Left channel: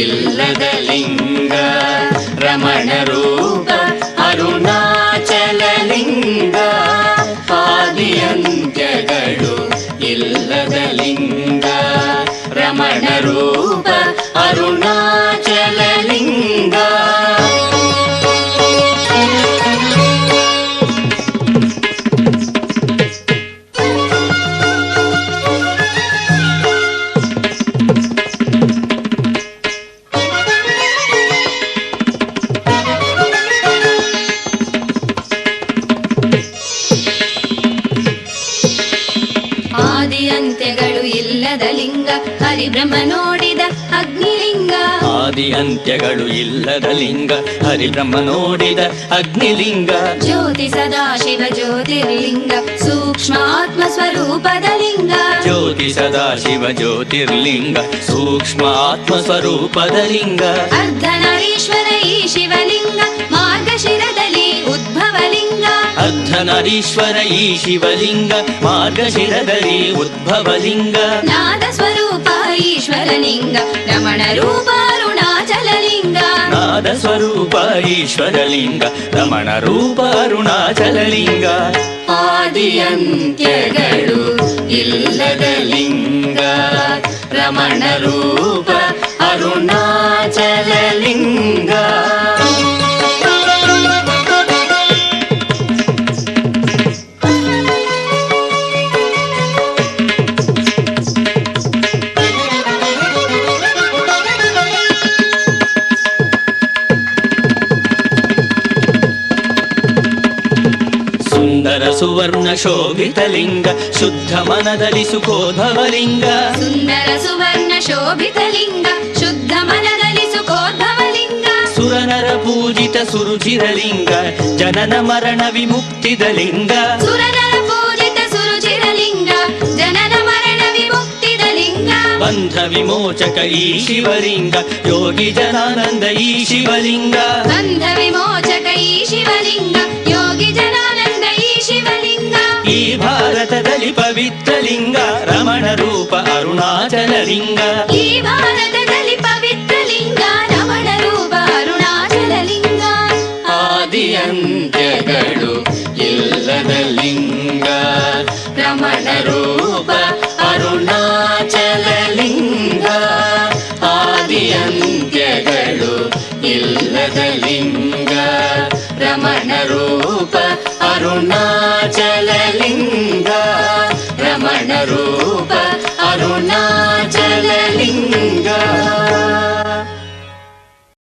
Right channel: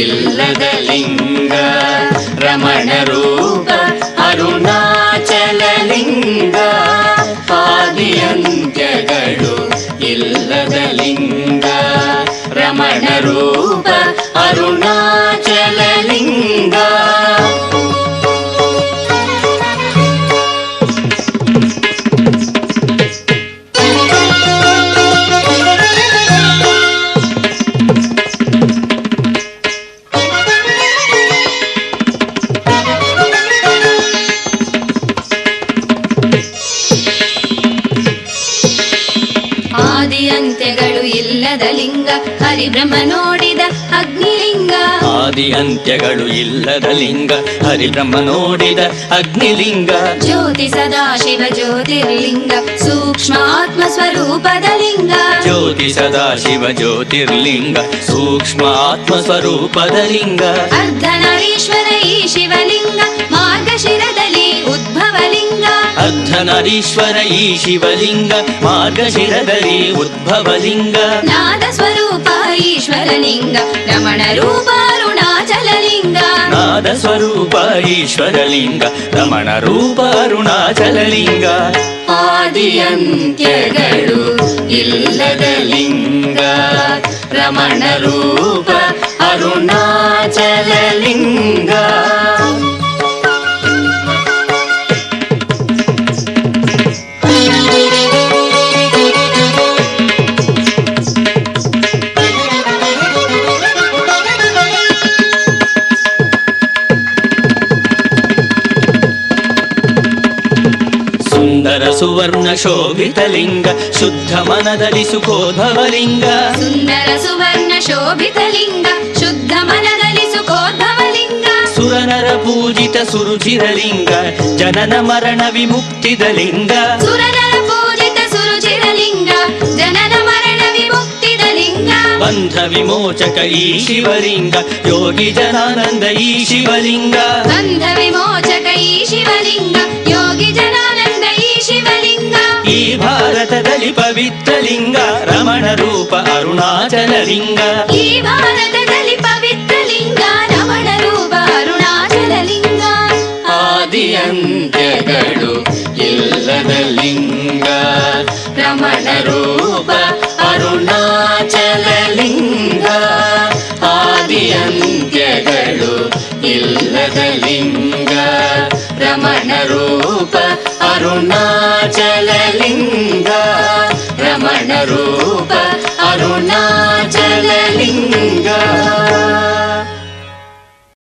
ಇಲ್ಲದ ಲಿಂಗ ರಮಣ ರೂಪ ಅರುಣಾಚಲ ಲಿಂಗ. ಆದಿಯಂತ್ಯಗಳು ಇಲ್ಲದ ಲಿಂಗ ರಮಣ ರೂಪ ಅರುಣಾಚಲ ಲಿಂಗ. ಆದಿಯಂತ್ಯಗಳು ಇಲ್ಲದ ಲಿಂಗ ಹರಿಬ್ರಹ್ಮ ನೋಡಿದ ಅಗ್ನಿಲಿಂಗ. ಆದಿಯಂತ್ಯಗಳು ಇಲ್ಲದ ಲಿಂಗ ಹರಿಬ್ರಹ್ಮ ನೋಡಿದ ಅಗ್ನಿಲಿಂಗ. ಜ್ಯೋತಿ ಸದಾಶಿವ ಜ್ಯೋತಿರ್ಲಿಂಗ ಸೂಕ್ಷ್ಮ ಆತ್ಮ ಸ್ವರೂಪದ ಲಿಂಗ. ಜ್ಯೋತಿ ಸದಾಶಿವ ಜ್ಯೋತಿರ್ಲಿಂಗ ಸೂಕ್ಷ್ಮ ಆತ್ಮ ಸ್ವರೂಪದ ಲಿಂಗ. ಅರ್ಧನಾರೀಶ್ವರ ಈ ಶಿವಲಿಂಗ ಮಾರ್ಗಶಿರದಲ್ಲಿ ಉದ್ಭವಲಿಂಗ. ಅರ್ಧನಾರೀಶ್ವರ ಈ ಶಿವಲಿಂಗ ಮಾರ್ಗಶಿರದಲ್ಲಿ ಉದ್ಭವಲಿಂಗ. ನಾದ ಸ್ವರೂಪ ಈಶ್ವರಲಿಂಗ ರಮಣ ರೂಪ ಅರುಣಾಚಲಲಿಂಗ. ನಾದ ಸ್ವರೂಪ ಈಶ್ವರಲಿಂಗ ರಮಣ ರೂಪ ಅರುಣಾಚಲಲಿಂಗ. ಆದಿಯಂತ್ಯಗಳು ಇಲ್ಲದ ಲಿಂಗ ರಮಣ ರೂಪ ಅರುಣಾಚಲಲಿಂಗ. ಸುಂದರ ಸುವರ್ಣ ಶೋಭಿತ ಲಿಂಗ ಶುದ್ಧ ಮನದಲ್ಲಿ ಸುಖೋದ್ಭವಲಿಂಗ. ಸುಂದರ ಸುವರ್ಣ ಶೋಭಿತ ಲಿಂಗ ಶುದ್ಧ ಮನದಲ್ಲಿ ಸುಖೋದ್ಭವಲಿಂಗ. ಸುರನರ ಪೂಜಿತ ಸುರುಚಿರಲಿಂಗ ಜನನ ಮರಣ ವಿಮುಕ್ತಿದ ಲಿಂಗ. ಸುರನರ ಪೂಜಿತ ಸುರುಚಿರಲಿಂಗ ಜನನ ಮರಣ ವಿಮುಕ್ತಿದ ಲಿಂಗ. ಬಂಧ ವಿಮೋಚಕ ಈ ಶಿವಲಿಂಗ ಯೋಗಿ ಜನಾನಂದ ಈ ಶಿವಲಿಂಗ. ಬಂಧ ವಿಮೋಚಕ ಈ ಶಿವಲಿಂಗ ಯೋಗಿ ಜನಾನಂದ ಈ ಶಿವಲಿಂಗ. ಈ ಭಾರತದಲ್ಲಿ ಪವಿತ್ರ ಲಿಂಗ ರಮಣ ರೂಪ ಅರುಣಾಚಲ ಲಿಂಗ. ಈ ಭಾರತದಲ್ಲಿ ಪವಿತ್ರ ಲಿಂಗ ರಮಣ ರೂಪ ಅರುಣಾಚಲ ಲಿಂಗ. ಆದಿಯಂತ್ಯಗಳು ಇಲ್ಲದ ಲಿಂಗ ರಮಣ ರೂಪ ಅರುಣಾಚಲ ಲಿಂಗ. ಆದಿಯಂತ್ಯಗಳು ಇಲ್ಲದ ಲಿಂಗ ರಮಣ ರೂಪ ಅರುಣಾಚಲ ಲಿಂಗ.